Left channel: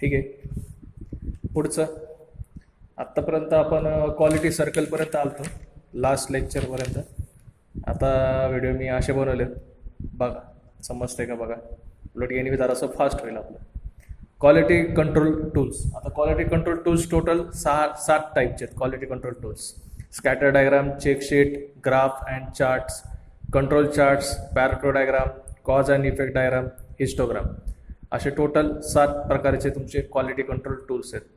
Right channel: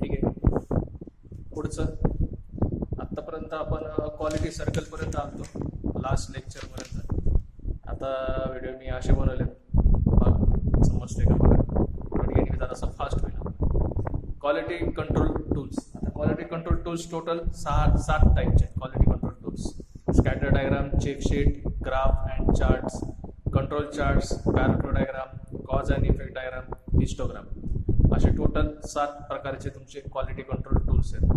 ठीक आहे. पुढचं आत्तापर्यंत आपण क्वालिटी सर्कलपर्यंत आलतो, लास्ट लेक्चरपर्यंत. आता व्हिडिओ मी असे बनवले, बघा समजते का बघा. उलट गेली जरासं फास्ट होईल आपलं. Quality control tools. आता क्वालिटी कंट्रोल टूल्स टोटल 7 टाईपचे आहेत quality control tools. Scatter diagram, check sheet, graph and charts, control charts, paragraph diagram, cause and effect diagram, histogram, असे टोटल 7 प्रकारचे तुमचे क्वालिटी कंट्रोल टूल्स आहेत.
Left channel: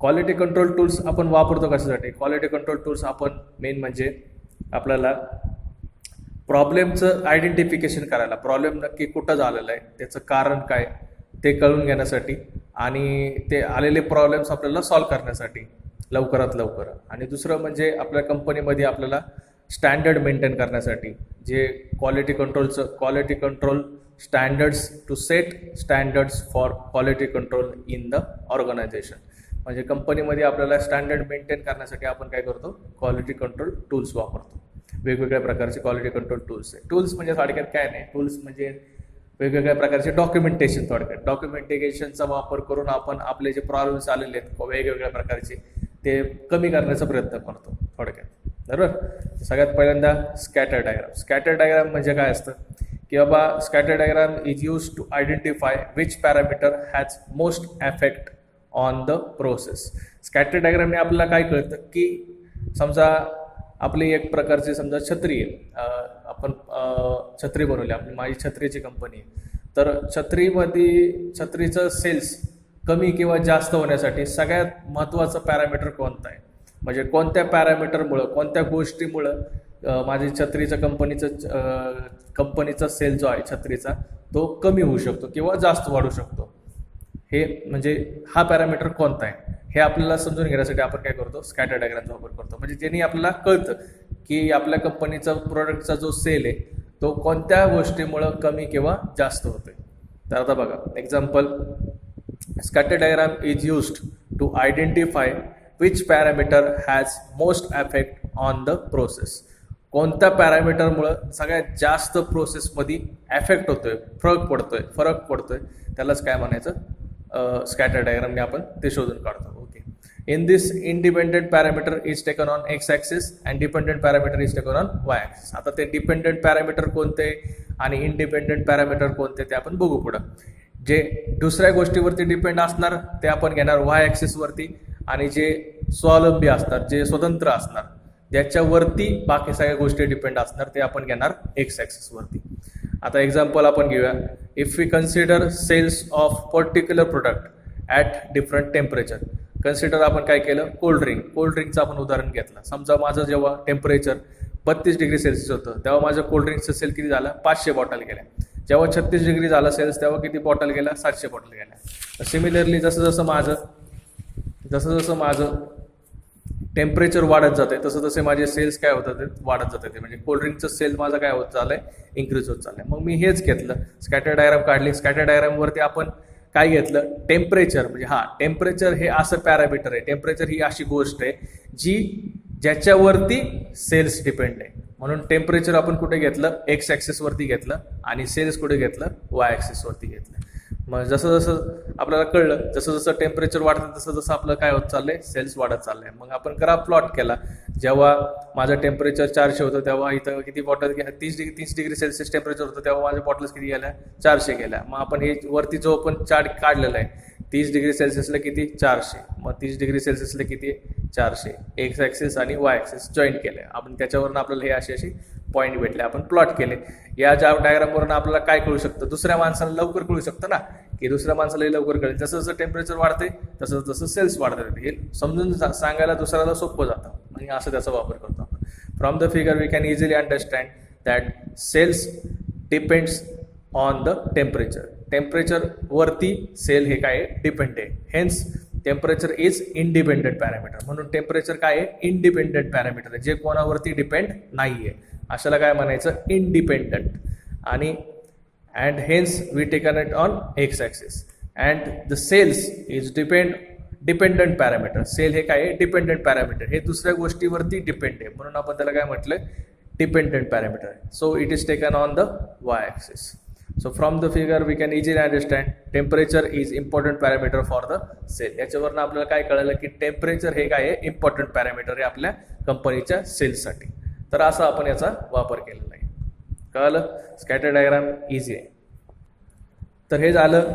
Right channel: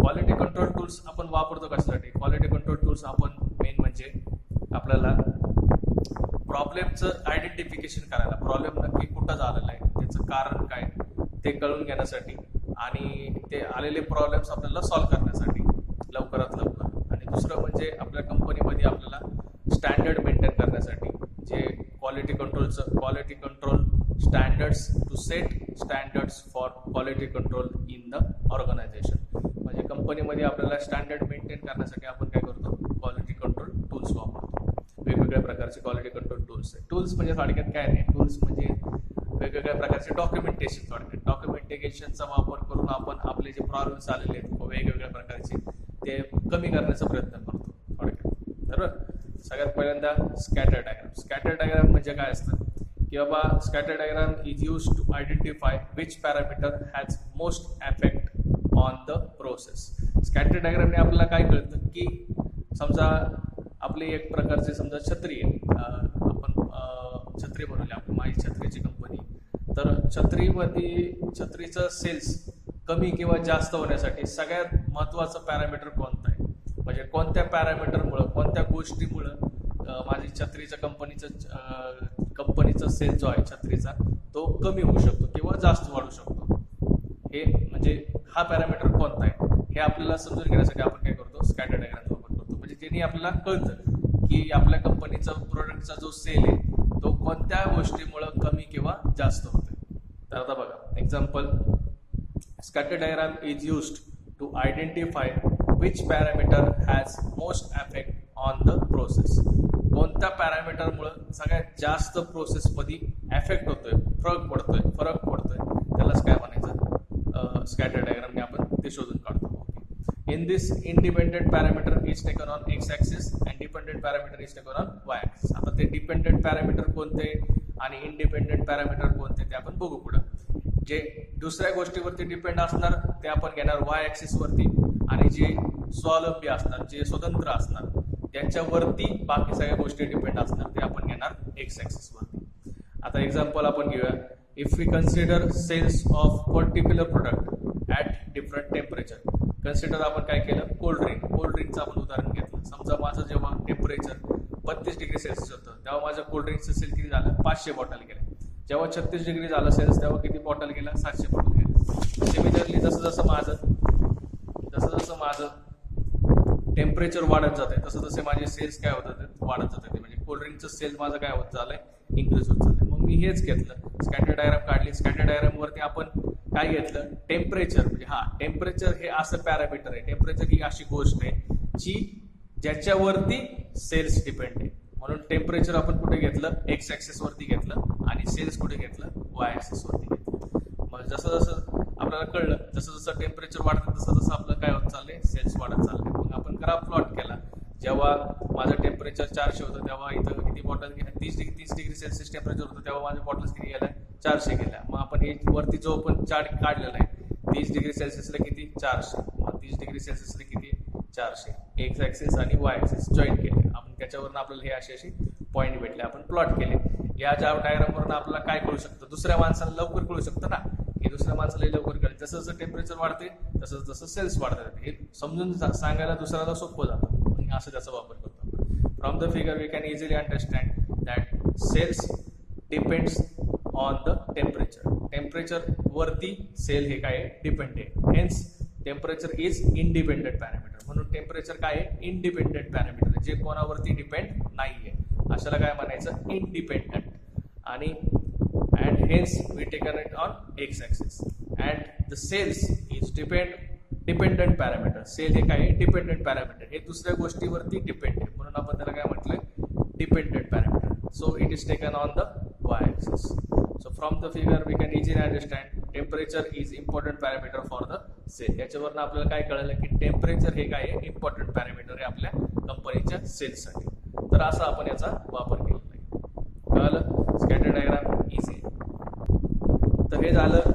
Quality control tools आपण वापरतो कशासाठी? क्वालिटी कंट्रोल टूल्स आपण मेन म्हणजे आपल्याला प्रॉब्लेमचं आयडेंटिफिकेशन करायला, प्रॉब्लेम नक्की कुठं झालेलं आहे, त्याचं कारण काय ते कळून घेण्यासाठी, आणि ते आलेले प्रॉब्लेम्स आपल्याला सॉल्व करण्यासाठी लवकरात लवकर. आणि दुसरं म्हणजे आपल्या कंपनीमध्ये आपल्याला स्टँडर्ड मेंटेन करण्यासाठी, जे quality control standards to set standards for quality control in the organisation. म्हणजे कंपनीमध्ये आपल्याला स्टँडर्ड मेंटेन करण्यासाठी आपण काय करतो? क्वालिटी कंट्रोल टूल्स वापरतो. वेगवेगळ्या प्रकारचे क्वालिटी कंट्रोल टूल्स आहे. टूल्स म्हणजे थोडक्यात काय नाही, टूल्स म्हणजे वेगवेगळ्या प्रकारचे डॉक्युमेंटेशन. थोडक्यात डॉक्युमेंटेशनचा वापर करून आपण आपले जे प्रॉब्लेम्स आलेले आहेत वेगवेगळ्या प्रकारचे ते कमी करण्याचा प्रयत्न करतो थोडक्यात, बरोबर. सगळ्यात पहिल्यांदा स्कॅटर डायग्राम. स्कॅटर डायग्राम म्हणजे काय असतं की बाबा, scatter diagram is use to identify which parameter has most effect on the process. Scatter डायग्रामने आपल्याला काय कळतं की समजा आपली एक प्रकारची समजा छत्री आहे, आपण छत्री बनवली, आपली माझी छत्रीची कंपनी आहे, तर छत्रीचं सेल्स कमी किंवा जास्त होण्यासाठी सगळ्यात महत्त्वाचं पॅरामीटर कोणतं आहे, म्हणजे कोणत्या पॅरामीटरमुळं, कोणत्या गोष्टीमुळं माझी छत्रीचं कंपनीचा सेल जो आहे छत्रीचा तो कमी होऊ शकतो किंवा जास्त वाढू शकतो, हे म्हणजे हा पॅरामीटर कोणता आहे हे आपल्याला समजून घेण्यासाठी आपण काय करतो? स्कॅटर डायग्रामचा वापर करतो. म्हणजे ज्यांनी आपल्याला कळतं की आपल्या कंपनीचा प्रोडक्टचा जो सेल आहे तो कोणत्या गोष्टीमुळं कमी किंवा जास्त होतोय. तर आता बघा example, scatter diagram is used to identify which parameter has most effect on the process. कोणत्या पॅरामीटरमुळं सगळ्यात जास्त प्रोसेसमध्ये इफेक्ट होतोय, फरक पडतोय त्यालाच काय म्हणायचं? स्कॅटर डायग्रामने आपण ते शोधून काढतो. Okay. In this independent parameter is taken on X axis and dependent parameter is taken on Y axis. आता ते डिपेंडेंट पॅरामीटर कोणते आणि इंडिपेंडेंट पॅरामीटर कोणते ते आपण बघू पुढं. जे दुसऱ्या गोष्टीवरती डिपेंड असणार ते आपण घेणार वाय ॲक्सिसवरती, आणि जे स्वावलंबी असणार, जे स्वतंत्र असणार, ज्याच्यावरती बाकी सगळ्या गोष्टी डिपेंड असणार ते आपण घेणार एक्स ॲक्सिसवरती. आता एक्झाम्पल आपण घेऊया. If we consider sales of particular product at different temperature. Consider आपण काय केलं? कोल्ड्रिंकचं आपण उदाहरण घेतलं. समजा माझं जेव्हा टेम्परेचर 32 डिग्री सेल्सिअस होतं तेव्हा माझं कोल्ड्रिंकचं सेल किती झालं? 500 बॉटल गेल्या. जेव्हा 36 डिग्री झालं सेल्स तेव्हा किती बॉटल गेल्या? 700 बॉटल गेल्या. सिमिलरली जसं जसं माझं टेम्परेचर वाढत जाते तसं माझे सेल्स काय होतात? वाढत जाते. म्हणजे कोल्ड्रिंकचं सेल माझं काय होत चाललंय? इन्क्रीज होत चाललंय. मग मी हेच घेतलं, स्कॅटर डायग्राम काढली. स्कॅटर डायग्रामवरती आपण काय घेतलं? टेम्परेचर. म्हणजे टेम्परेचर हे असं पॅरामीटर आहे, टेम्परेचर ही अशी गोष्ट आहे ज्याच्यावरती सेल्स डिपेंड आहे. म्हणून टेम्परेचर आपण कुठे घेतलं? एक्स ॲक्सिसवरती घेतलं, आणि सेल्स कुठे घेतलं? वाय ॲक्सिसवरती घेतलं. मग जसं जसं आपल्याला कळलं, जसं जसं टेम्परेचर वाढतं तसं जसं आपलं काय होत चाललंय? सेल्स वाढत चाललंय. मग आपण ग्राफ प्लॉट केला. जेव्हा माझं टेम्परेचर 400 होतं तेव्हा इथं किती बॉटल 30 डिग्री सेल्सिअस टेम्परेचर होतं तेव्हा माझ्या बॉटल्स किती गेल्या? 400 गेल्या. मग आपण हे वरती जो आपण चार्ट काढलेला आहे 30 डिग्री सेल्सिअसला किती? 400. मग 30 डिग्री सेल्सिअसला किती? 400. एक्स ॲक्सिस आणि वाय ॲक्सिस जॉईन केले आपण. त्याच्यावरून आपल्याला हे अशी पॉईंट भेटले, आपण प्लॉट केले. या डायग्रामवरून आपल्याला काय कळू शकतं? दुसऱ्या माणसाला लवकर कळू शकतं ना, की दुसऱ्या माणसालाही लवकर कळेल. जसं जसं टेम्परेचर वाढते तसं तसं सेल्स वाढतात. हे समजून सांगायला दुसऱ्याला सोपं जातं, आणि असं त्याचा वापर करतो आपण. From the figure we can easily understand that sales depends on the temperature. टेम्परेचरवरती सेल हे काय डिपेंड आहे. Hence temperature is independent parameter. म्हणून टेम्परेचर काय आहे? इंडिपेंडेंट पॅरामीटर आहे, जे कोणावरती डिपेंड नाही आहे. अशाला काय म्हणायचं? इंडिपेंडंट. आणि and hence we taken it on X axis. And the sales is dependent parameter. Sale हे काय आहे? Dependent parameter. हे दुसऱ्या गोष्टीवरती डिपेंड आहे, म्हणून आपण त्याला काय म्हटलं? Dependent parameter. So it is taken on the Y axis. So from the figure we can easily understand temperature is important parameter for the sale. याच्यावरनं आपल्याला काय कळलं की टेम्परेचर हे काय आहे इम्पॉर्टंट पॅरामीटर आहे आपल्या कंपनीच्या सेल्ससाठी. तर असा आपण याचा वापर केलेला आहे. कळलं? स्कॅटर डायग्राम इझी आहे. तर हे झालं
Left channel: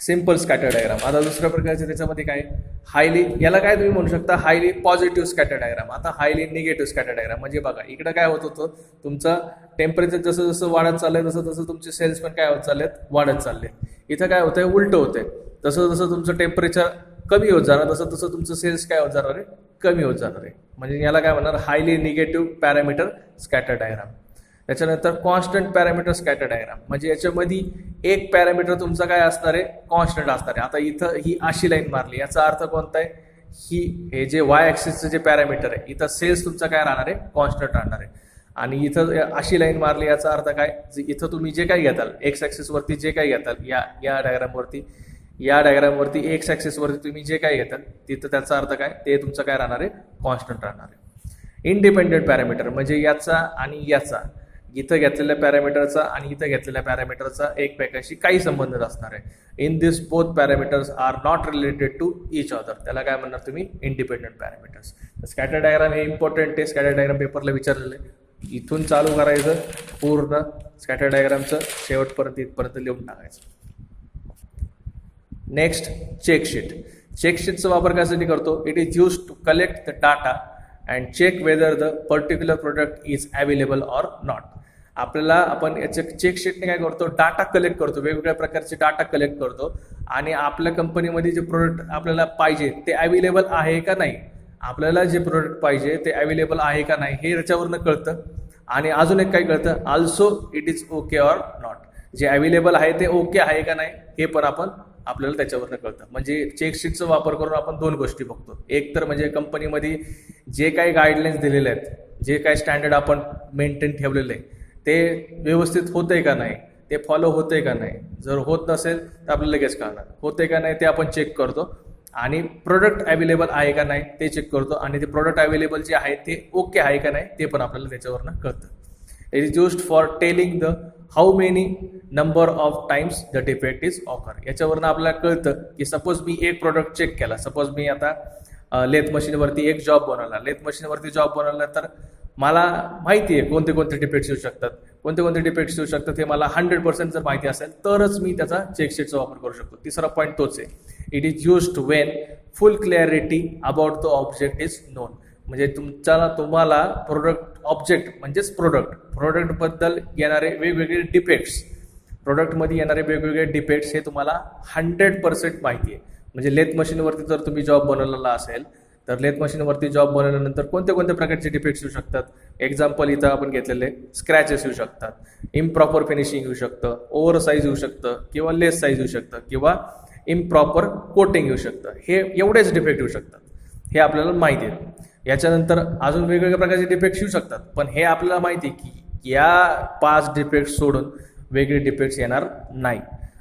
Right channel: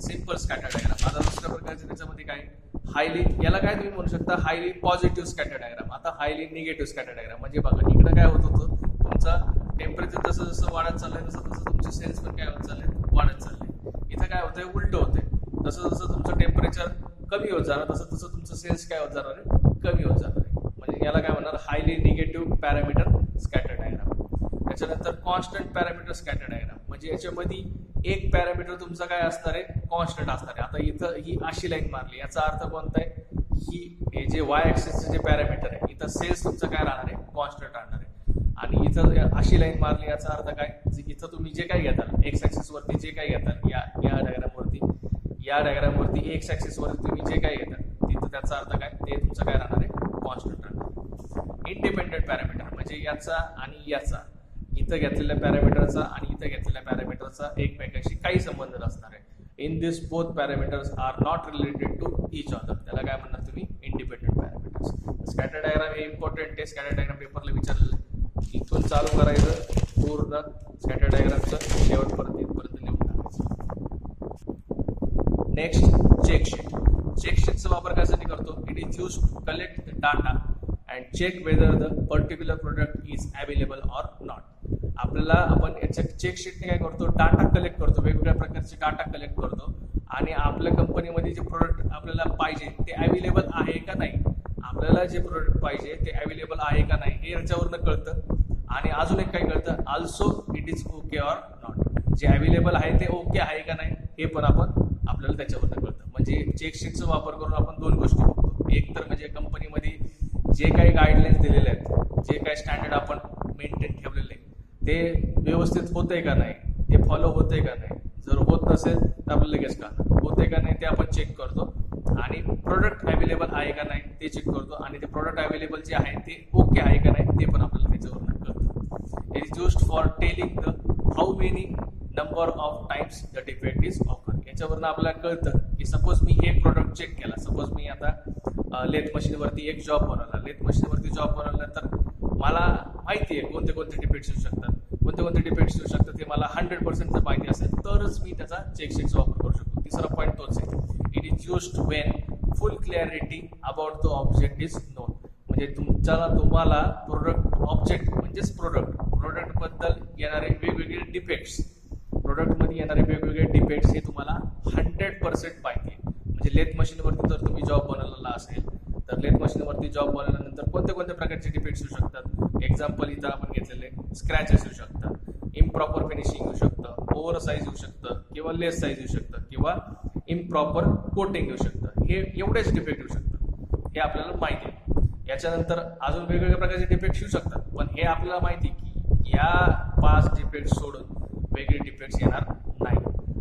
सिम्पल स्कॅटर डायग्राम. आता दुसऱ्या प्रकारचे त्याच्यामध्ये काय हायली, याला काय तुम्ही म्हणू शकता हायली पॉझिटिव्ह स्कॅटर डायग्राम. आता हायली निगेटिव्ह स्कॅटर डायग्राम म्हणजे बघा इकडं काय होत होतं, तुमचा टेम्परेचर जसं जसं वाढत चाललंय तसं तसं तुमचे सेल्स पण काय होत चाललेत, वाढत चालले. इथं काय होतंय, उलटं होतंय. जसं जसं तुमचं टेम्परेचर कमी होत जाणार तसं तसं तुमचं सेल्स काय होत जाणार आहे, कमी होत जाणार आहे. म्हणजे याला काय म्हणणार highly negative parameter scatter diagram. त्याच्यानंतर कॉन्स्टंट पॅरामीटर स्कॅटर डायग्राम म्हणजे याच्यामध्ये एक पॅरामीटर तुमचा काय असणार आहे, कॉन्स्टंट असणार आहे. आता इथं ही अशी लाईन मारली, याचा अर्थ कोणता आहे, ही हे जे वाय ॲक्सिसचं जे पॅरामीटर आहे इथं सेल्स तुमचा काय राहणार आहे, कॉन्स्टंट राहणार आहे. आणि इथं अशी लाईन मारली, याचा अर्थ काय, इथं तुम्ही जे काही घेताल एक्स ॲक्सिसवरती जे काही घेताल या डायग्रामवरती एक्स ॲक्सिसवरती तुम्ही जे काही घेताल तिथं त्याचा अर्थ काय, ते तुमचं काय राहणार आहे, कॉन्स्टंट राहणार आहे. इंडिपेंडेंट पॅरामीटर म्हणजे याचा आणि याचा, इथं घेतलेल्या पॅरामीटरचा आणि इथं घेतलेल्या पॅरामीटरचा एकमेकांशी काही संबंध असणार आहे. In this both parameters are not related to each other. त्याला काय म्हणणार तुम्ही, इंडिपेंडंट पॅरामीटर्स. स्कॅटर डायग्राम हे इम्पॉर्टंट आहे. स्कॅटर डायग्राम पेपरला विचारलेलं आहे. इथून चालू करायचं पूर्ण स्कॅटर डायग्रामचं शेवटपर्यंत इथपर्यंत लिहून टाकायचं. Next check sheet. चेकशीटचा वापर कशासाठी करतो, it is use to collect the data and check whether the particular product is available or not. आपल्याला आपण याच्या चेकशीटने काय करतो, डाटा कलेक्ट करतो, वेगवेगळ्या प्रकारचे डाटा कलेक्ट करतो आणि आपल्या कंपनीमध्ये जे प्रोडक्ट आपल्याला पाहिजे ते अवेलेबल आहे का नाही, आपल्याला जे प्रोडक्ट पाहिजे ते अवेलेबल आहे का नाही हे याच्यावरनं कळतं. आणि अजून एक काय कळतं, also it is okay or not. जे अवेलेबल आहे ते ओके आहे का नाही हे पण आपल्याला त्याच्यावरनं कळतं. म्हणजे चेकशीटचा वापर करून आपण दोन गोष्टी बघतो. एक तर म्हणजे कंपनीमध्ये जे काही गाईडलाईन्स दिलेले आहेत, जे काही स्टँडर्ड आपण मेंटेन ठेवलेलं आहे ते व्यवस्थित होतंय का नाही, ते फॉलो होतंय का नाही. जर होत नसेल तर आपल्याला लगेच कळणार, होतंय का नाही ते आपण चेक करतो. आणि प्रोडक्ट अवेलेबल आहे का नाही ते चेक करतो. आणि ते प्रोडक्ट अवेलेबल जे आहे ते ओके आहे का नाही ते पण आपल्याला त्याच्यावरनं कळतं. It is used for telling the how many number of times the defect is occur. याच्यावरनं आपल्याला कळतं की सपोज मी एक प्रोडक्ट चेक केला, सपोज मी आता लेथ मशीनवरती एक जॉब बनवला, लेथ मशीनवरती जॉब बनवला तर मला माहिती आहे कोणते कोणते डिफेक्ट्स येऊ शकतात, कोणते कोणते डिफेक्ट्स येऊ शकतात हे मला 100% जर माहिती असेल तरच मी त्याचा चेकशीटचा वापर करू शकतो. तिसरा पॉईंट तोच आहे, it is used Wien full clarity about the object is non. म्हणजे तुम्हाला प्रोडक्ट ऑब्जेक्ट म्हणजेच प्रोडक्टबद्दल येणारे वेगवेगळे डिफेक्ट्स, प्रोडक्टमध्ये येणारे वेगवेगळे डिफेक्ट्स हे तुम्हाला 100% माहिती आहे. म्हणजे लेथ मशीनवरती जर तुम्ही जॉब बनवलेला असेल तर लेथ मशीनवरती जॉब बनवल्यानंतर कोणत्या कोणत्या प्रकारचे डिफेक्ट्स येऊ शकतात. एक्झाम्पल इथं आपण घेतलेले स्क्रॅचेस येऊ शकतात, इम्प्रॉपर फिनिशिंग येऊ शकतं, ओव्हर साईज येऊ शकतं किंवा लेस साईज येऊ शकतं किंवा इम्प्रॉपर कोटिंग येऊ शकतं. हे एवढेच डिफेक्ट येऊ शकतात, हे आपल्याला माहिती आहे. याच्यानंतर अजून वेगवेगळ्या प्रकारचे डिफेक्ट्स येऊ शकतात, पण हे आपल्याला माहिती आहे की या 5 डिफेक्ट्स सोडून वेगळे डिफेक्ट्स येणार नाही.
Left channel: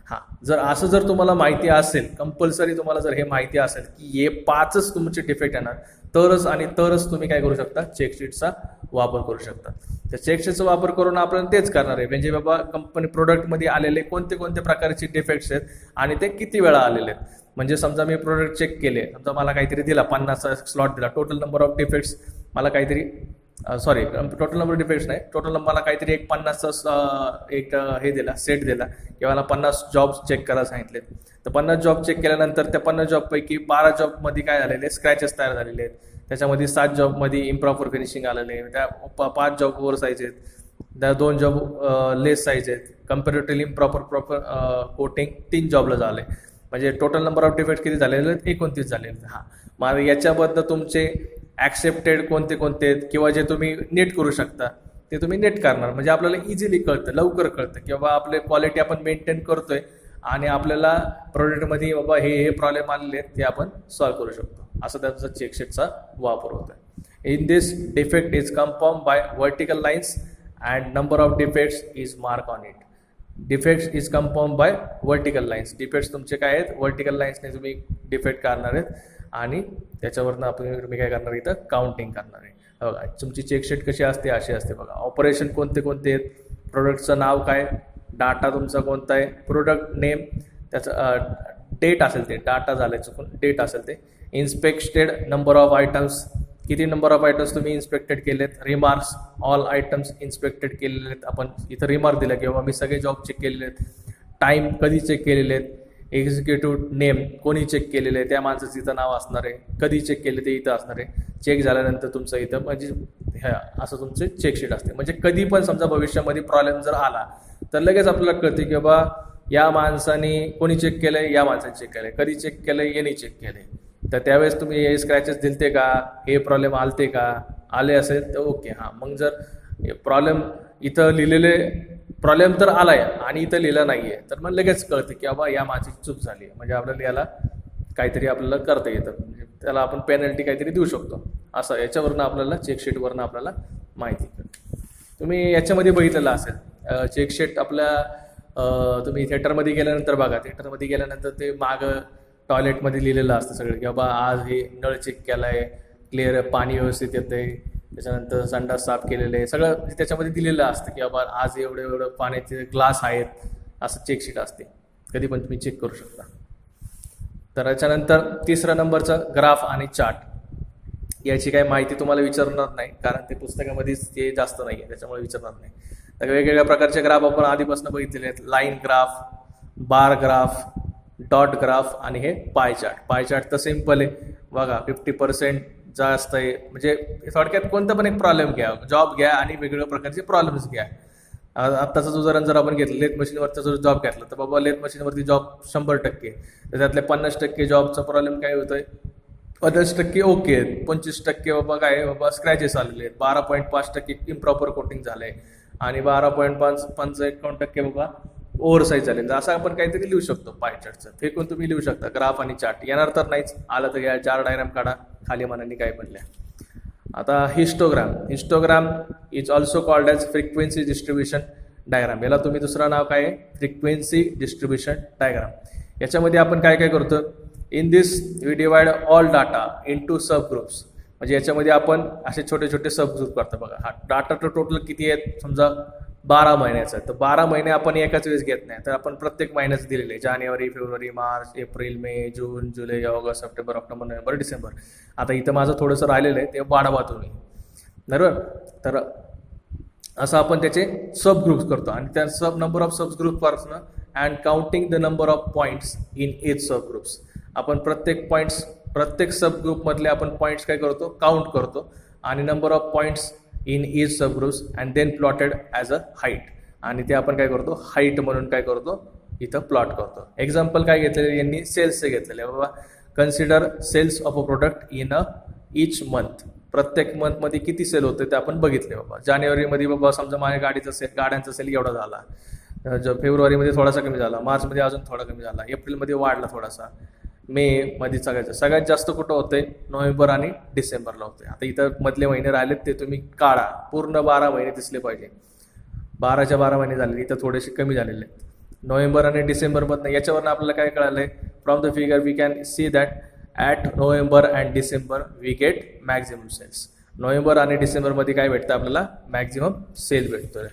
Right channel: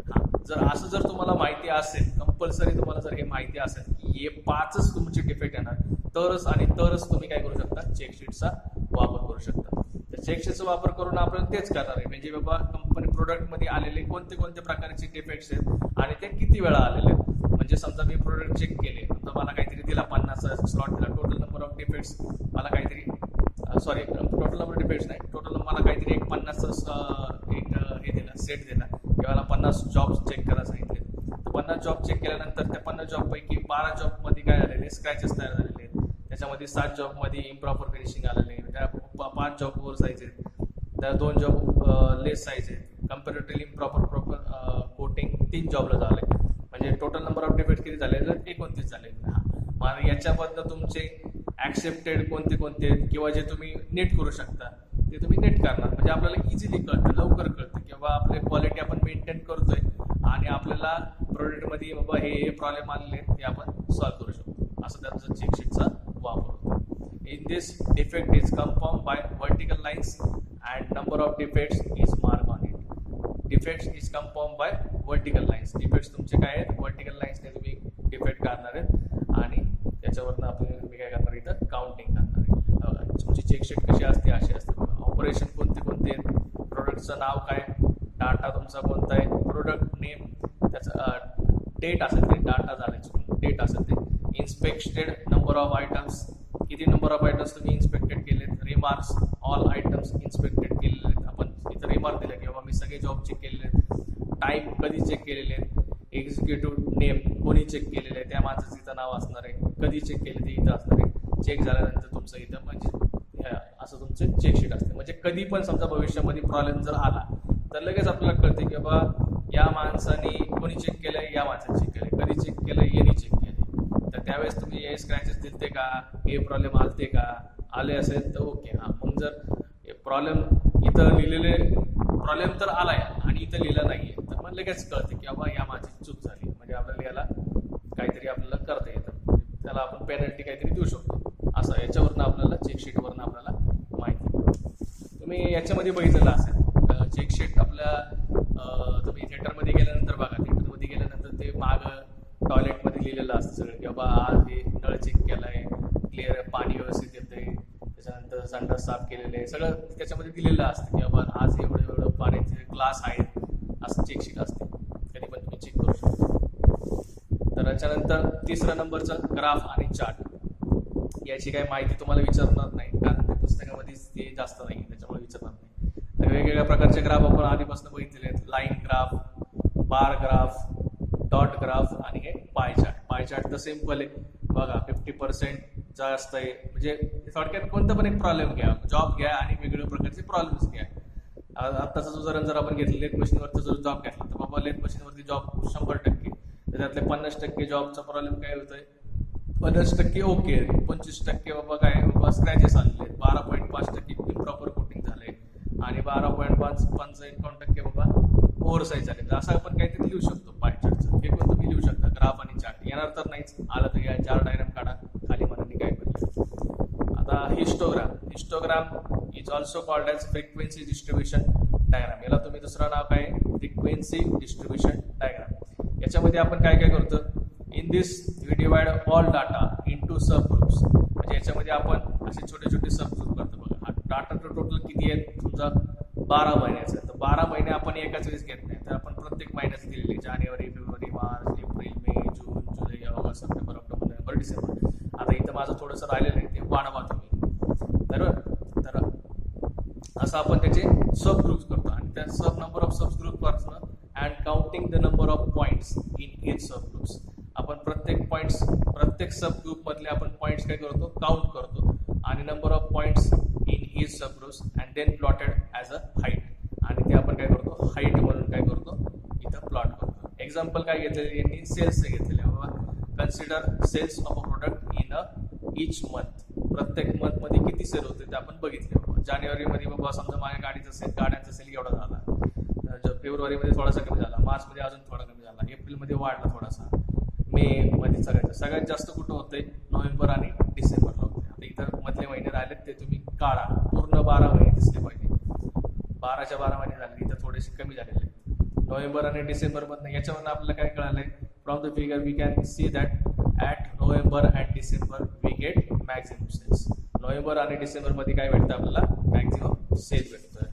हां, जर तुम्हाला माहिती असेल, कंपल्सरी तुम्हाला जर हे माहिती असेल की हे 5च तुमचे डिफेक्ट येणार तरच तुम्ही काय करू शकता, चेकशीटचा वापर करू शकता. तर चेकशीटचा वापर करून आपण तेच करणार आहे. म्हणजे बाबा कंपनी प्रोडक्टमध्ये आलेले कोणते कोणते प्रकारचे डिफेक्ट्स आहेत आणि ते किती वेळा आलेले आहेत. म्हणजे समजा मी प्रोडक्ट चेक केले तर मला काहीतरी दिला 50चा स्लॉट दिला, टोटल नंबर ऑफ डिफेक्ट्स मला काहीतरी टोटल नंबर डिफेक्ट्स नाही, टोटल मला काहीतरी एक 50चा एक हे दिला, सेट दिला किंवा मला 50 जॉब्स चेक करायला सांगितले. तर 50 जॉब चेक केल्यानंतर त्या 50 जॉबपैकी 12 जॉबमध्ये काय झालेले, स्क्रॅचेस तयार झालेले आहेत. त्याच्यामध्ये 7 जॉबमध्ये इम्प्रॉपर फिनिशिंग आलेले आहे, त्या 5 जॉब ओव्हर साईज आहेत, त्या 2 जॉब लेस साईज आहेत, कम्पॅरेटिव्हली इम्प्रॉपर कोटिंग 3 जॉबला झाले. म्हणजे टोटल नंबर ऑफ डिफेक्ट किती झालेले आहेत, 29 झालेले. हां, मग याच्याबद्दल तुमचे ॲक्सेप्टेड कोणते कोणते आहेत किंवा जे तुम्ही नीट करू शकता ते तुम्ही नीट करणार. म्हणजे आपल्याला इझिली कळतं, लवकर कळतं की बाबा आपले क्वालिटी आपण मेंटेन करतोय आणि आपल्याला प्रोडक्टमध्ये बाबा हे प्रॉब्लेम आलेले आहेत ते आपण सॉल्व्ह करू शकतो. असं त्यांचा चेकशीटचा वापर होतो. In this defect is confirm by vertical lines and number of defects is mark on it. Defects is confirm by vertical lines. Defects तुमचे काय आहेत, वर्टिकल लाईन्सने तुम्ही डिफेक्ट काढणार आहेत आणि त्याच्यावरनं तुम्ही काय करणार, इथं काउंटिंग करणार आहे. बघा तुमची चेकशीट कशी असते, अशी असते. बघा ऑपरेशन कोणते कोणते आहेत, प्रोडक्टचं नाव काय, डाटा तुमचा कोणता आहे, प्रोडक्ट नेम, त्याचं डेट असेल ते, डाटा झालं चुकून, डेट असेल ते, इन्स्पेक्टेड नंबर ऑफ आयटम्स, किती नंबर ऑफ आयटम्स तुम्ही इन्स्पेक्टेड केलेत, रिमार्क्स, ऑल आयटम्स इन्स्पेक्टेड केलेले आहेत, आपण इथं रिमार्क दिलं किंवा मी सगळे जॉब चेक केलेले आहेत, टाईम कधी चेक केलेले आहेत, एक्झिक्युटिव्ह नेम कोणी चेक केलेलं आहे त्या माणसाचं इथं नाव असणार आहे, कधी चेक केले ते इथं असणार आहे, चेक झाल्यानंतर तुमचं इथं म्हणजे ह्या असं तुमचे चेकशीट असते. म्हणजे कधी पण समजा भविष्यामध्ये प्रॉब्लेम जर आला तर लगेच आपल्याला कळते की बाबा या माणसाने कोणी चेक केलं आहे, या माणसाने चेक केलं आहे, कधी चेक केलं आहे, यांनी चेक केलं आहे. तर त्यावेळेस तुम्ही हे स्क्रॅचेस दिलते का, हे प्रॉब्लेम आलते का, आले असेल तर ओके. हां, मग जर प्रॉब्लेम इथं लिहिलेले प्रॉब्लेम तर आलाय आणि इथं लिहिलं नाही आहे तर मग लगेच कळतं की बाबा या माझी चूक झाली, म्हणजे आपल्याला याला काहीतरी आपल्याला करता येतं, म्हणजे त्याला आपण पेनल्टी काहीतरी देऊ शकतो. असं याच्यावरनं आपल्याला चेकशीटवरनं आपल्याला माहिती. तुम्ही याच्यामध्ये बघितलेलं असेल चेकशीट आपल्या तुम्ही थिएटरमध्ये गेल्यानंतर बघा, थिएटरमध्ये गेल्यानंतर ते मागं टॉयलेटमध्ये लिहिलेलं असतं सगळं की बाबा आज हे नळ चेक केला आहे, क्लिअर पाणी व्यवस्थित येतं आहे, त्याच्यानंतर संडास साफ केलेलं आहे, सगळं त्याच्यामध्ये दिलेलं असतं की बाबा आज एवढं पाण्याचे ग्लास आहेत, असं चेकशीट असते. कधी पण तुम्ही चेक करू शकता. तर त्याच्यानंतर तिसरा नंबरचा ग्राफ आणि चार्ट. याची काही माहिती तुम्हाला विचारणार नाही कारण ते पुस्तकामध्येच ते जास्त नाही आहे, त्याच्यामुळे विचारणार नाही. तर वेगवेगळ्या प्रकारचे ग्राफ आपण आधीपासून बघितलेले आहेत. Line graph, bar graph, dot graph आणि हे पाय चार्ट. पाय चार्ट तर सिम्पल आहे बघा, 50% जास्त आहे. म्हणजे थोडक्यात कोणता पण एक प्रॉब्लेम घ्या, जॉब घ्या आणि वेगवेगळ्या प्रकारचे प्रॉब्लेम्स घ्या. आत्ताचं उदाहरण जर आपण घेतलं, लेथ मशीनवरचा जर जॉब घेतला तर बाबा लेथ मशीनवरती जॉब 100%, तर त्यातले 50% जॉबचा प्रॉब्लेम काय होतोय, 50% ओके आहेत, 25% बाबा काय बाबा स्क्रॅचेस आलेले आहेत, 12.5% इम्प्रॉपर कोटिंग झालं आहे आणि 12.5% बाबा ओव्हरसाईज झाले. तर असं आपण काहीतरी लिहू शकतो पाय चार्टचं. फेकून तुम्ही लिहू शकता ग्राफ आणि चार्ट. येणार तर नाहीच, आलं तर या 4 डायग्राम काढा, खाली मनाने काय बनले. आता histogram is also called as frequency distribution diagram. याला तुम्ही दुसरं नाव काय आहे, फ्रिक्वेन्सी डिस्ट्रीब्युशन डायग्राम. याच्यामध्ये आपण काय काय करतो, in this we divide all data into sub groups. म्हणजे याच्यामध्ये आपण असे छोटे छोटे सब ग्रुप करतो बघा. हा डाटा टोटल किती आहेत, समजा 12 महिन्याचं आहे, तर 12 महिने आपण एकाच वेळेस घेत नाही, तर आपण प्रत्येक महिन्याचं दिलेलं आहे. जानेवारी, फेब्रुवारी, मार्च, एप्रिल, मे, जून, जुलै, ऑगस्ट, सप्टेंबर, ऑक्टोबर, नोव्हेंबर, डिसेंबर. आता इथं माझं थोडंसं राहिलेलं आहे ते वाढवा तुम्ही, बरोबर. तर असं आपण त्याचे सब ग्रुप्स करतो आणि त्या सब नंबर ऑफ सब ग्रुपपासून and counting the number of points in each sub groups. आपण प्रत्येक सब ग्रुपमधले आपण पॉईंट्स काय करतो, काउंट करतो आणि number of points in each sub groups and then plotted as a height. आणि ते आपण काय करतो, हाईट म्हणून काय करतो, इथं प्लॉट करतो. एक्झाम्पल काय घेतलेले यांनी, सेल्सचे घेतलेले बाबा. Consider sales of a product in a each month. प्रत्येक मंथमध्ये किती सेल होते ते आपण बघितले बाबा. जानेवारीमध्ये बाबा समजा माझ्या गाड्यांचा सेल एवढा झाला, फेब्रुवारीमध्ये थोडासा कमी झाला, मार्चमध्ये अजून थोडा कमी झाला, एप्रिलमध्ये वाढला थोडासा, मे मध्ये सगळ्यात जास्त कुठं होतंय, नोव्हेंबर आणि डिसेंबरला होते. आता इथं मधले महिने राहिलेत ते तुम्ही काढा, पूर्ण 12 महिने दिसले पाहिजे. 12च्या 12 महिने झाले, इथं थोडेसे कमी झालेले आहेत नोव्हेंबर आणि डिसेंबरमधनं. याच्यावरनं आपल्याला काय कळालंय, from the figure we can see that at November and December we get maximum sales. नोव्हेंबर आणि डिसेंबरमध्ये काय भेटतं आपल्याला, मॅक्झिमम सेल भेटतोय.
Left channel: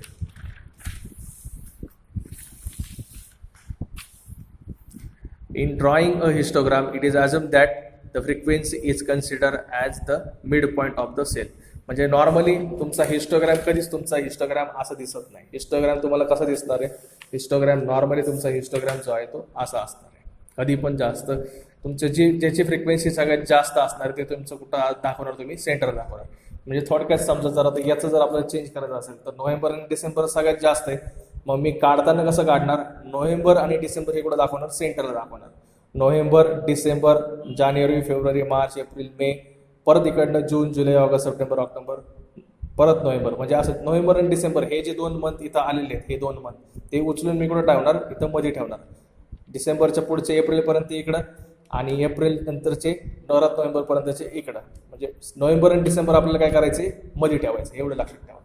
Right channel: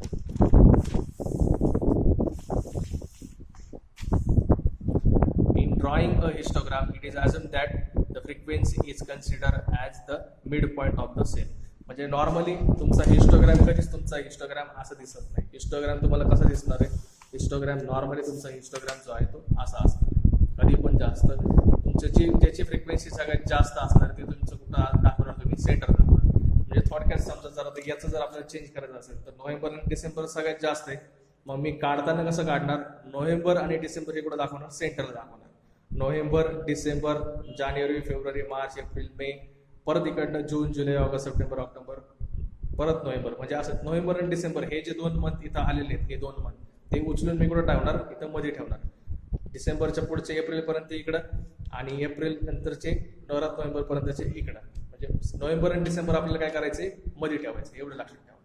In drawing a histogram, it is assumed that the frequency is considered as the midpoint of the cell. म्हणजे normally तुमचा histogram कधीच तुमचा हिस्टोग्राम असं दिसत नाही. हिस्टोग्राम तुम्हाला कसं दिसणार आहे, हिस्टोग्राम नॉर्मली तुमचा हिस्टोग्राम जो आहे तो असा असणार आहे. कधी पण जास्त तुमचे ज्याची फ्रिक्वेन्सी सगळ्यात जास्त असणार ते तुमचं कुठं दाखवणार, तुम्ही सेंटर दाखवणार. म्हणजे थोडक्यात समजा जर आता याचं जर आपल्याला चेंज करायचं असेल तर नोव्हेंबर आणि डिसेंबर सगळ्यात जास्त आहे. मग मी काढताना कसं काढणार, नोव्हेंबर आणि डिसेंबर हे कुठं दाखवणार, सेंटरला दाखवणार. नोव्हेंबर, डिसेंबर, जानेवारी, फेब्रुवारी, मार्च, एप्रिल, मे, परत इकडनं जून, जुलै, ऑगस्ट, सप्टेंबर, ऑक्टोबर, परत नोव्हेंबर. म्हणजे असं नोव्हेंबर आणि डिसेंबर हे जे 2 मंथ इथं आलेले आहेत, हे 2 मंथ ते उचलून मी कुठं ठेवणार, इथं मध्ये ठेवणार. डिसेंबरच्या पुढचे एप्रिलपर्यंत इकडं आणि एप्रिल नंतरचे परत नोव्हेंबरपर्यंतचे इकडं. म्हणजे नोव्हेंबर आणि डिसेंबर आपल्याला काय करायचे, मध्ये ठेवायचे, एवढं लक्षात ठेवा.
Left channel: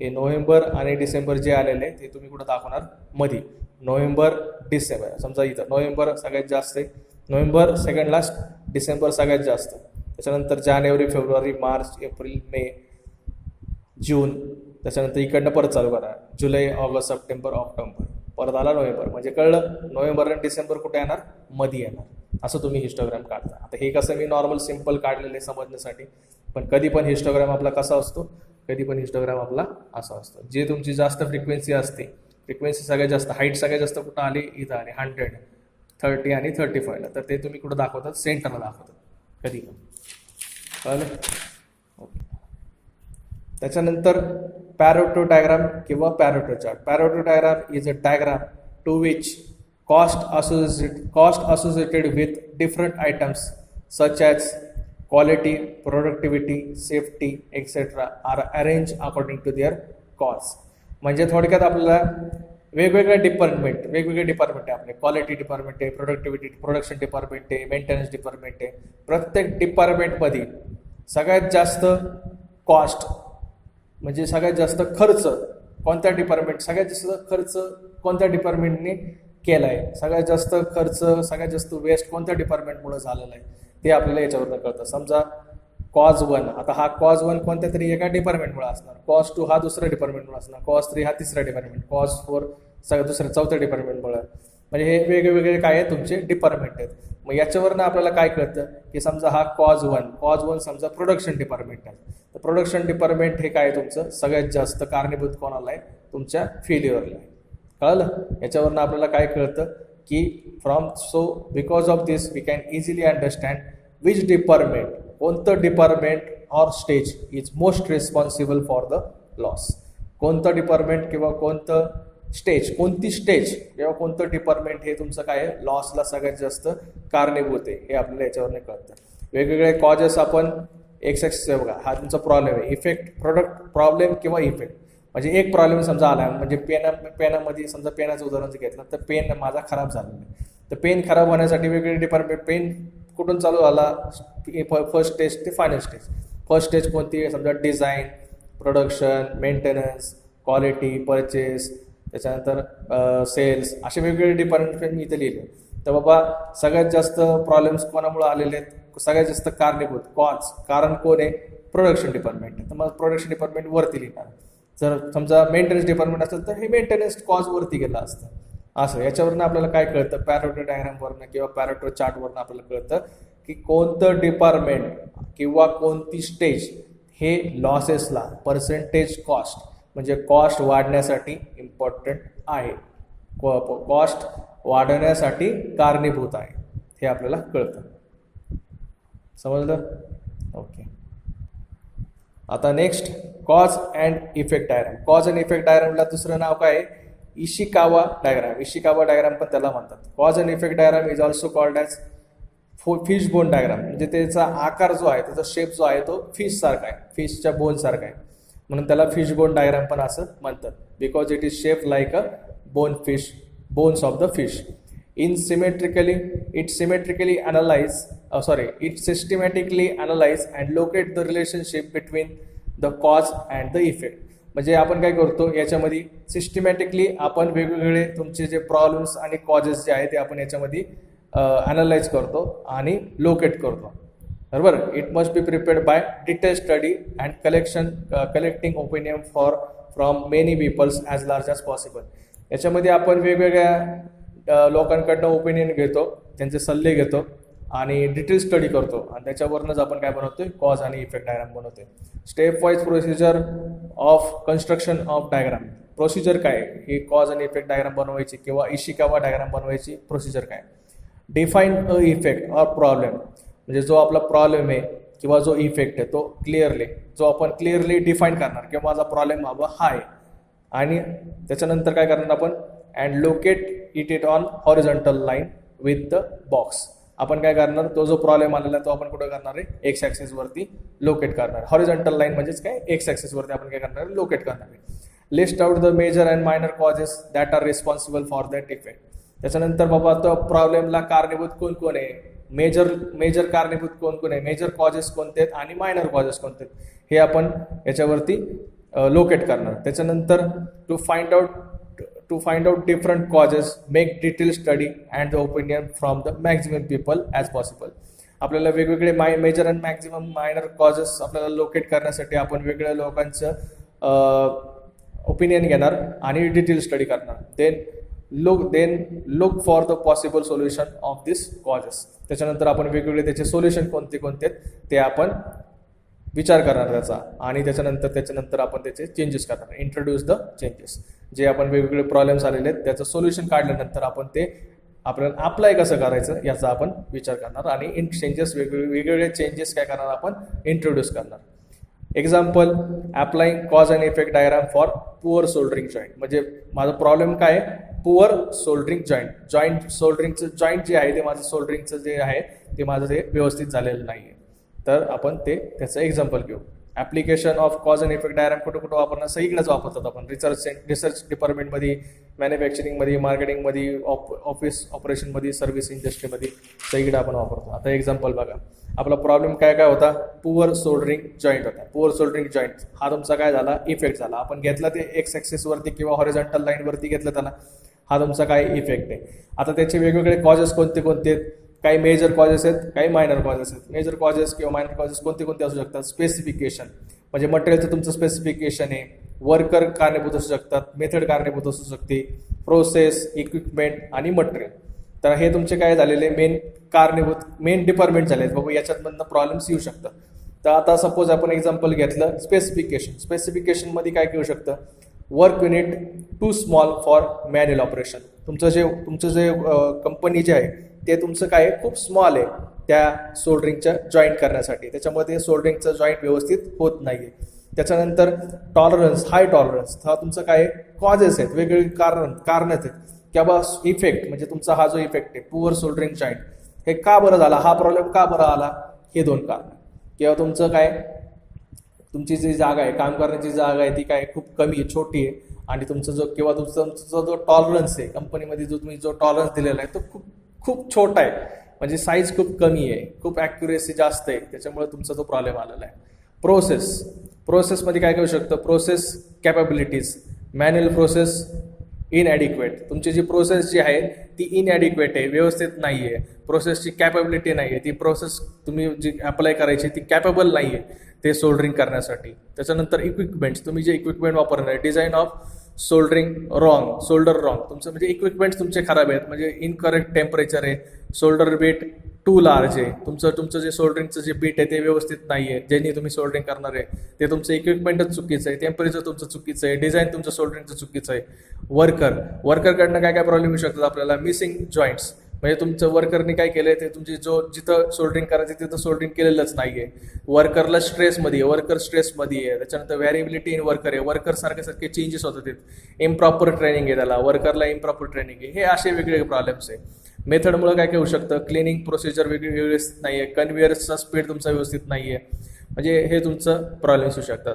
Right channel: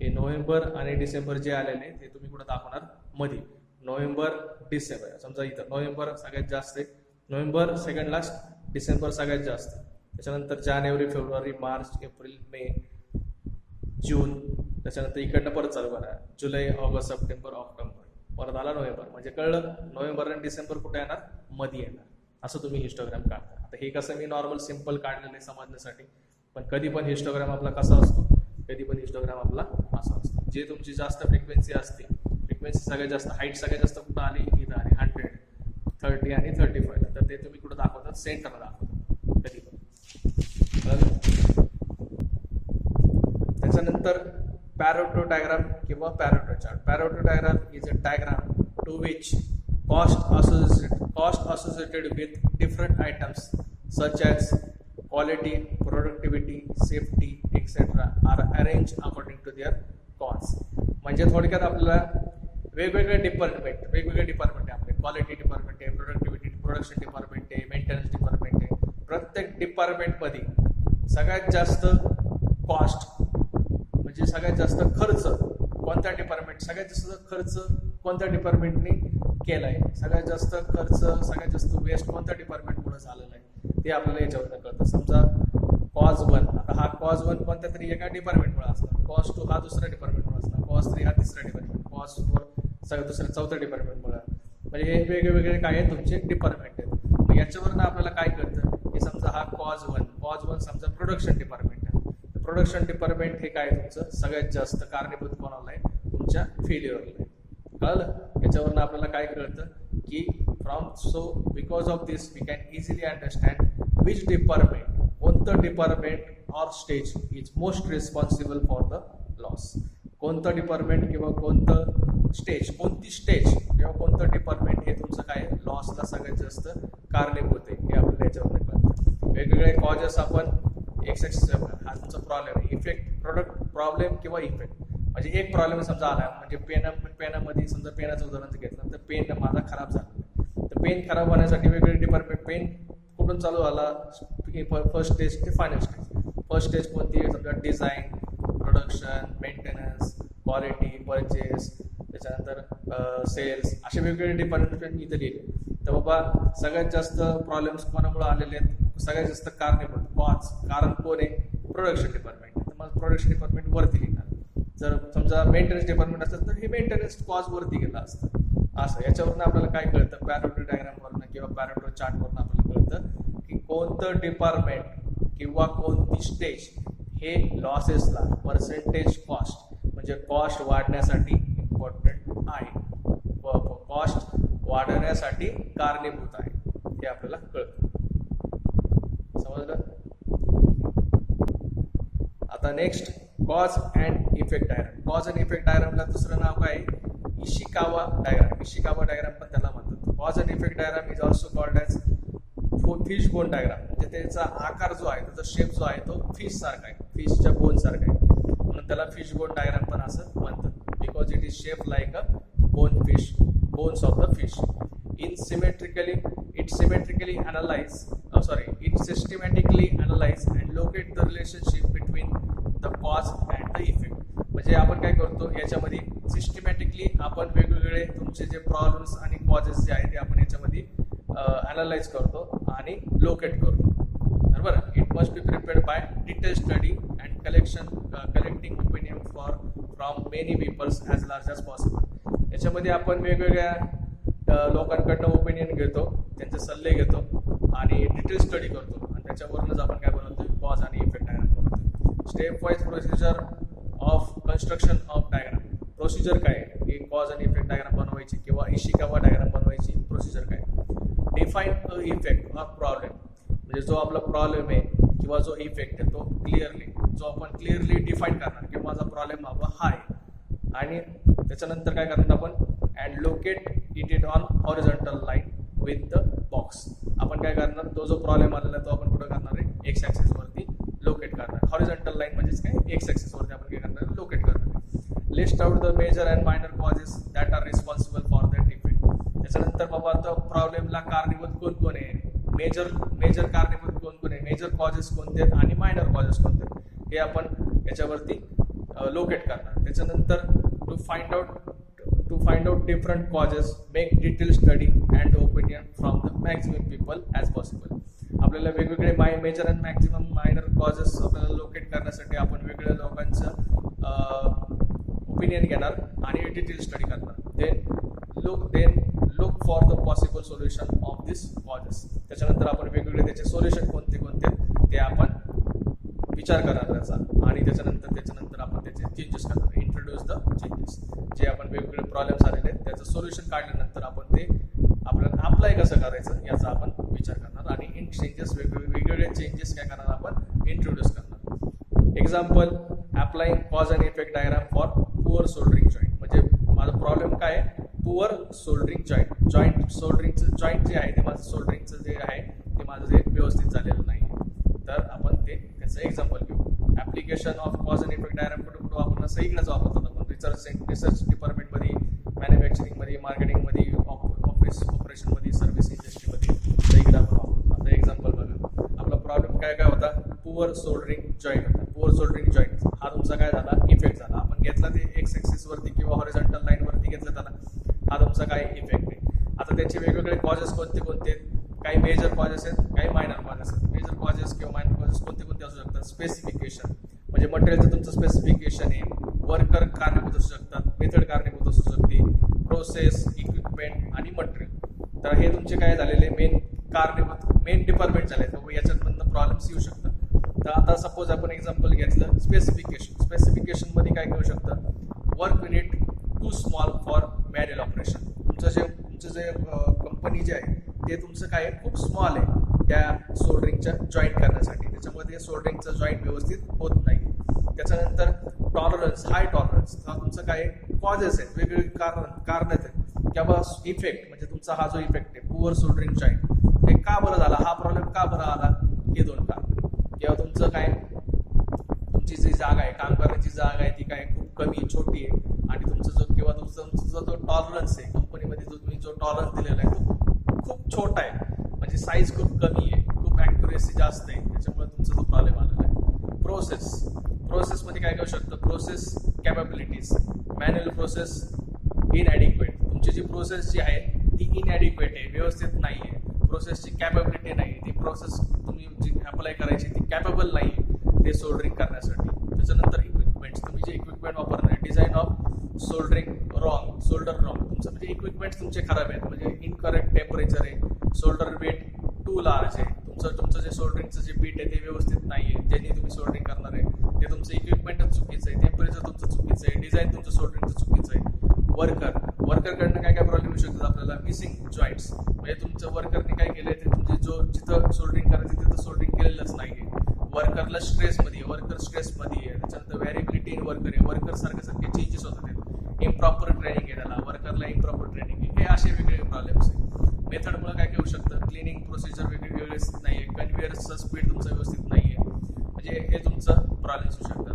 हे नोव्हेंबर आणि डिसेंबर जे आलेले ते तुम्ही कुठं दाखवणार, मध्ये. नोव्हेंबर, डिसेंबर, समजा इथं नोव्हेंबर सगळ्यात जास्त आहे, नोव्हेंबर सेकंड लास्ट, डिसेंबर सगळ्यात जास्त, त्याच्यानंतर जानेवारी, फेब्रुवारी, मार्च, एप्रिल, मे, जून, त्याच्यानंतर इकडनं परत चालू करा, जुलै, ऑगस्ट, सप्टेंबर, ऑक्टोबर, परत आला नोव्हेंबर. म्हणजे कळलं नोव्हेंबर आणि डिसेंबर कुठे येणार, मध्ये येणार. असं तुम्ही हिस्टोग्राम काढता. आता हे कसं मी नॉर्मल सिम्पल काढलेले समजण्यासाठी, पण कधी पण हिस्टोग्राम आपला कसा असतो, कधी पण हिस्टोग्राम आपला असा असतो. जे तुमची जास्त फ्रिक्वेन्सी असते, फ्रिक्वेन्सी सगळ्यात जास्त, हाईट सगळ्यात जास्त कुठं आली, इथं आली 100, 30 आणि 35ला, तर ते तुम्ही कुठं दाखवतात, सेंटरला दाखवतात कधी पण. त्याच्यानंतर पॅरोटो डायग्राम किंवा Pareto chart. Pareto diagram is a diagram to which cost associated with different items such as quality, productivity, safety, etc. are arranged according to their cost. म्हणजे थोडक्यात आपल्याला वेगवेगळे डिपार्टमेंट आहे आपले. क्वालिटी डिपार्टमेंट आहे, productivity production department आहे, maintenance department आहे. प्रत्येक डिपार्टमेंटमध्ये सगळ्यात जास्त कॉस्ट म्हणजे सगळ्यात जास्त खर्च कोणत्या डिपार्टमेंट, सगळ्यात जास्त खर्च कोणत्या डिपार्टमेंटने केला आहे, सगळ्यात जास्त खर्च, सगळ्यात जास्त वेस्ट कोणत्या डिपार्टमेंटमुळे झालेला आहे, ते आपल्याला याच्यावरून कळतं. समजा कॉज 1, आता हा कॉज 1 कोणत्या तरी एका डिपार्टमेंटमुळे असणार, कॉज 2 हा दुसऱ्या डिपार्टमेंटमुळे असणार, कॉज 3 हा तिसऱ्या डिपार्टमेंट, कॉज 4 चौथ्या डिपार्टमेंटमुळे. म्हणजे हे वेगवेगळे काय आहे तुमचे डिपार्टमेंट आहेत. मग याच्यावरनं आपल्याला काय कळतं की समजा हा कॉज 1 समजा प्रोडक्शन डिपार्टमेंट आहे. प्रोडक्शन डिपार्टमेंट हे काय तुमचं सगळ्यात जास्त कारणीभूत कोणाला आहे, तुमच्या फेल्युअरला आहे. कळलं. याच्यावरनं आपल्याला काय कळतं की because of this we can easily understand which department, कोणतं department or stage is most responsible for the loss. कोणतं डिपार्टमेंट किंवा कोणती स्टेज किंवा कोणतं डिपार्टमेंट हे तुमचं काय आहे, लॉसला सगळ्यात जास्त कारणीभूत आहे, हे आपल्याला याच्यावरनं कळतं. वेगवेगळे कॉजेस आपण एक्स ॲक्सिस बघा, हा तुमचा प्रॉब्लेम आहे, इफेक्ट, प्रोडक्ट, प्रॉब्लेम किंवा इफेक्ट. म्हणजे एक प्रॉब्लेम समजा आला, म्हणजे पेनामध्ये समजा पेनाचं उदाहरण घेतलं तर पेन माझा खराब झालेला आहे, तर पेन खराब होण्यासाठी वेगवेगळे डिपार्टमेंट, पेन कुठून चालू झाला, फर्स्ट स्टेज ते फायनल स्टेज. फर्स्ट स्टेज कोणती, समजा design, production, maintenance, quality, purchase, त्याच्यानंतर सेल्स, असे वेगवेगळे डिपार्टमेंट मी इथे लिहिले. तर बाबा सगळ्यात जास्त प्रॉब्लेम्स कोणामुळे आलेले आहेत, सगळ्यात जास्त कारणीभूत कारण कोण आहे, प्रोडक्शन डिपार्टमेंट. तर मग प्रोडक्शन डिपार्टमेंट वरती लिहिणार. जर समजा मेंटेनन्स डिपार्टमेंट असेल तर हे मेंटेनन्स कॉजवरती गेलं असतं. असं याच्यावरनं आपल्याला काय कळतं, पॅरोटो डायग्रामवरनं किंवा पॅरोटो चार्टवरनं आपल्याला कळतं की कोणतं डिपार्टमेंट किंवा कोणती स्टेज हे लॉसेसला पर्सेंटेज कॉस्ट म्हणजे कॉस्ट वाढण्यासाठी इम्पॉर्टंट आहे, कॉस्ट वाढवण्यासाठी कारणीभूत आहे, हे आपल्याला कळतं. समजलं. आता next cause and effect diagram. Cause and effect डायग्रामला दुसरं नाव काय आहे, इशिकावा डायग्राम. इशिकावा डायग्राम पण त्याला म्हणतात. Cause and effect diagram is also called as fish bone diagram. म्हणजे त्याचा आकार जो आहे, त्याचा शेप जो आहे तो फिश सारखा आहे, फिशच्या बोन सारखा आहे, म्हणून त्याला फिश बोन डायग्राम पण असं म्हणतात. Because it is shape like a bones of the fish. It systematically analyze and locate the relationship between the cause and the effect. म्हणजे आपण काय करतो याच्यामध्ये सिस्टमॅटिकली आपण वेगवेगळे तुमचे जे प्रॉब्लेम्स आणि कॉजेस जे आहेत ते आपण याच्यामध्ये अनालाइज करतो आणि लोकेट करतो, बरोबर. It must be prepared by detail study and collecting opinion from many peoples as large as possible. याच्यामध्ये आपण वेगवेगळ्या लोकांकडनं ओपिनियन घेतो, त्यांचे सल्ले घेतो आणि डिटेल स्टडी करतो आणि त्याच्यावरूनच आपण काय बनवतोय, कॉज आणि इफेक्ट डायग्राम बनवतोय. Step wise procedure of construction of diagram. Procedure काय ही कॉज आणि इफेक्ट डायग्राम बनवायची किंवा इशिकावा डायग्राम बनवायची प्रोसिजर काय. Define a effect or problem. म्हणजे जो आपला प्रॉब्लेम आहे किंवा जो इफेक्ट आहे तो आपण क्लिअरली डिफाईन करणार किंवा माझा प्रॉब्लेम बाबा हा आहे. आणि त्याच्यानंतर काय करणार आपण, and locate it on horizontal line with the box. आपण काय करणार, तो जो प्रॉब्लेम आलेला तो आपण कुठं करणार आहे, एक्स ॲक्सिसवरती लोकेट करणार. हॉरिझॉन्टल लाईन म्हणजेच काय, एक्स ॲक्सिसवरती आपण काय करणार आहे, लोकेट करणार आहे. List out the major and minor causes that are responsible for that effect. त्याच्यानंतर बाबा तो प्रॉब्लेमला कारणीभूत कोण आहे, मेजर कारणीभूत कोण आहे, मेजर कॉजेस कोणते आहेत आणि मायनर कॉजेस कोणते आहेत, हे आपण याच्यावरती लोकेट करणार. त्याच्यानंतर to find out different causes, make detail study and the opinion from the maximum people as possible. आपल्याला वेगवेगळे major and maximum minor causes आपल्याला लोकेट करण्यासाठी आपण वेगवेगळ्या लोकांचं ओपिनियन घेणार आणि डिटेल स्टडी करणार. Look for the possible solution of this causes. त्याच्यानंतर आपण वेगवेगळे त्याचे सोल्युशन कोणते कोणते ते आपण विचार करणार त्याचा, आणि त्याच्यानंतर आपण त्याचे चेंजेस करणार. Introduce the changes. जे आपण वेगवेगळे प्रॉब्लेम्स आलेले आहेत त्याचं सोल्युशन काढल्यानंतर आपण ते आपल्याला अप्लाय कसं करायचं याचा आपण विचार करणार, आणि वेगवेगळे चेंजेस काय करणार आपण इंट्रोड्यूस करणार. Example, applying cause and effect diagram for poor soldering joint. म्हणजे माझा प्रॉब्लेम काय आहे, पुअर सोल्डरिंग जॉईंट सोल्डरिंगचं जॉईंट जे आहे ते माझं सोल्डरिंगचं जे आहे ते माझं ते व्यवस्थित झालेलं नाही आहे. तर आपण त्याचं एक्झाम्पल घेऊ. Application of cause and effect diagram कुठं वापरणार, सगळीकडेच वापरतात आपण. रिसर्च डिपार्टमेंटमध्ये, मॅन्युफॅक्चरिंगमध्ये, मार्केटिंगमध्ये, ऑफिस ऑपरेशनमध्ये, सर्व्हिस इंडस्ट्रीमध्ये सगळीकडे आपण वापरतो. आता एक्झाम्पल बघा, आपला प्रॉब्लेम काय होता, पुअर सोल्डरिंग जॉईंट होता. पुअर सोल्डरिंग जॉईंट हा तुमचा काय झाला, इफेक्ट झाला. आपण घेतला ते एक्स ॲक्सिसवरती किंवा हॉरिझॉन्टल लाईनवरती घेतलं त्याला, हा तुमचा काय इफेक्ट आहे. आता त्याचे वेगवेगळे कॉजेस कोणते काही मेजर कॉजेस आहेत, काही मायनर कॉजेस आहेत. मेजर कॉजेस किंवा मायनर कॉजेस कोणते असू शकतात. स्पेसिफिकेशन म्हणजे मटेरियलचं तुमचं स्पेसिफिकेशन आहे. वर्कर कारणीभूत असू शकतात, मेथड कारणीभूत असू शकते, प्रोसेस, इक्विपमेंट आणि मटेरियल. तर हे तुमचे काय झालेले मेन डिपार्टमेंट झाले आहेत बाबा, याच्यातमधनं प्रॉब्लेम्स येऊ शकतात. तर आता सपोज आपण एक्झाम्पल घेतलं स्पेसिफिकेशनमध्ये काय घेऊ शकतं, work unit too small for manual operation. तुमचं जे कंपनी जे आहे ते तुमचं काय खूप स्मॉल आहे त्या सोल्डरिंगच्या जॉईंट करण्यासाठी, त्याच्यामुळे ते सोल्डरिंगचं जॉईंट व्यवस्थित होत नाही आहे. त्याच्यानंतर टॉलरन्स, हाय टॉलरन्स, हा तुमचं काय कॉजेस आहेत, वेगवेगळी कारणं आहेत किंवा इफेक्ट म्हणजे तुमचा हा जो इफेक्ट आहे पुअर सोल्डरिंग जॉईंट हे का बरं झाला, हा प्रॉब्लेम का बरं आला, हे 2 कारण. किंवा तुमचं काय तुमची जी जागा आहे, काम करण्याची जागा आहे ती काय खूप कमी आहे, छोटी आहे, आणि तुमचा जो टॉलरन्स आहे कंपनीमध्ये, तुम्ही जो टॉलरन्स दिलेला आहे तो खूप छोटा आहे, म्हणजे साईज खूप कमी आहे, खूप ॲक्युरेसी जास्त आहे, त्याच्यामुळे तुमचा तो प्रॉब्लेम आलेला आहे. प्रोसेसमध्ये काय करू शकतं, process capabilities, manual process inadequate. तुमची जी प्रोसेस जी आहे ती इनॲडिक्वेट आहे, व्यवस्थित नाही आहे. प्रोसेसची कॅपॅबिलिटी नाही आहे, ती प्रोसेस तुम्ही जी अप्लाय करायची ती कॅपेबल नाही आहे ते सोल्डरिंग करण्यासाठी. त्याच्यानंतर इक्विपमेंट्स, तुम्ही जे इक्विपमेंट वापरणार आहे, डिझाईन ऑफ सोल्डर रॉंग, तुमचं म्हणजे इक्विपमेंट्स तुमचे खराब आहेत, म्हणजे इनकरेक्ट टेम्परेचर आहे, सोल्डर वेट टू लार्ज आहे, तुमचं जे सोल्डरिंगचं जे बीट आहे ते व्यवस्थित नाही आहे, ज्यांनी तुम्ही सोल्डरिंग करणार आहे ते तुमचं इक्विपमेंटच चुकीचं आहे, टेम्परेचर तुमचं चुकीचं आहे, डिझाईन तुमचं सोल्डरिंगचं चुकीचं आहे. वर्करकडनं काय प्रॉब्लेम येऊ शकतात आपल्याला, मिसिंग जॉईंट्स, म्हणजे तुमचं वर्करने काय केलं आहे ते तुमची जिथं सोल्डरिंग करायचं तिथं सोल्डरिंग केलेलंच नाही आहे. वर्कर स्ट्रेसमध्ये आहे, त्याच्यानंतर व्हॅरिबिलिटी इन वर्कर आहे, वर्कर सारखे चेंजेस होतात, इम्प्रॉपर ट्रेनिंग आहे त्याला, वर्करला इम्प्रॉपर ट्रेनिंग आहे, हे असे वेगवेगळे प्रॉब्लेम्स आहे. मेथडमुळे काय होऊ शकतं, क्लिनिंग प्रोसिजर व्यवस्थित नाही आहे, कन्व्हेयर्सचा स्पीड तुमचा व्यवस्थित नाही आहे, म्हणजे हे तुमचं प्रॉब्लेम्स होऊ शकतात.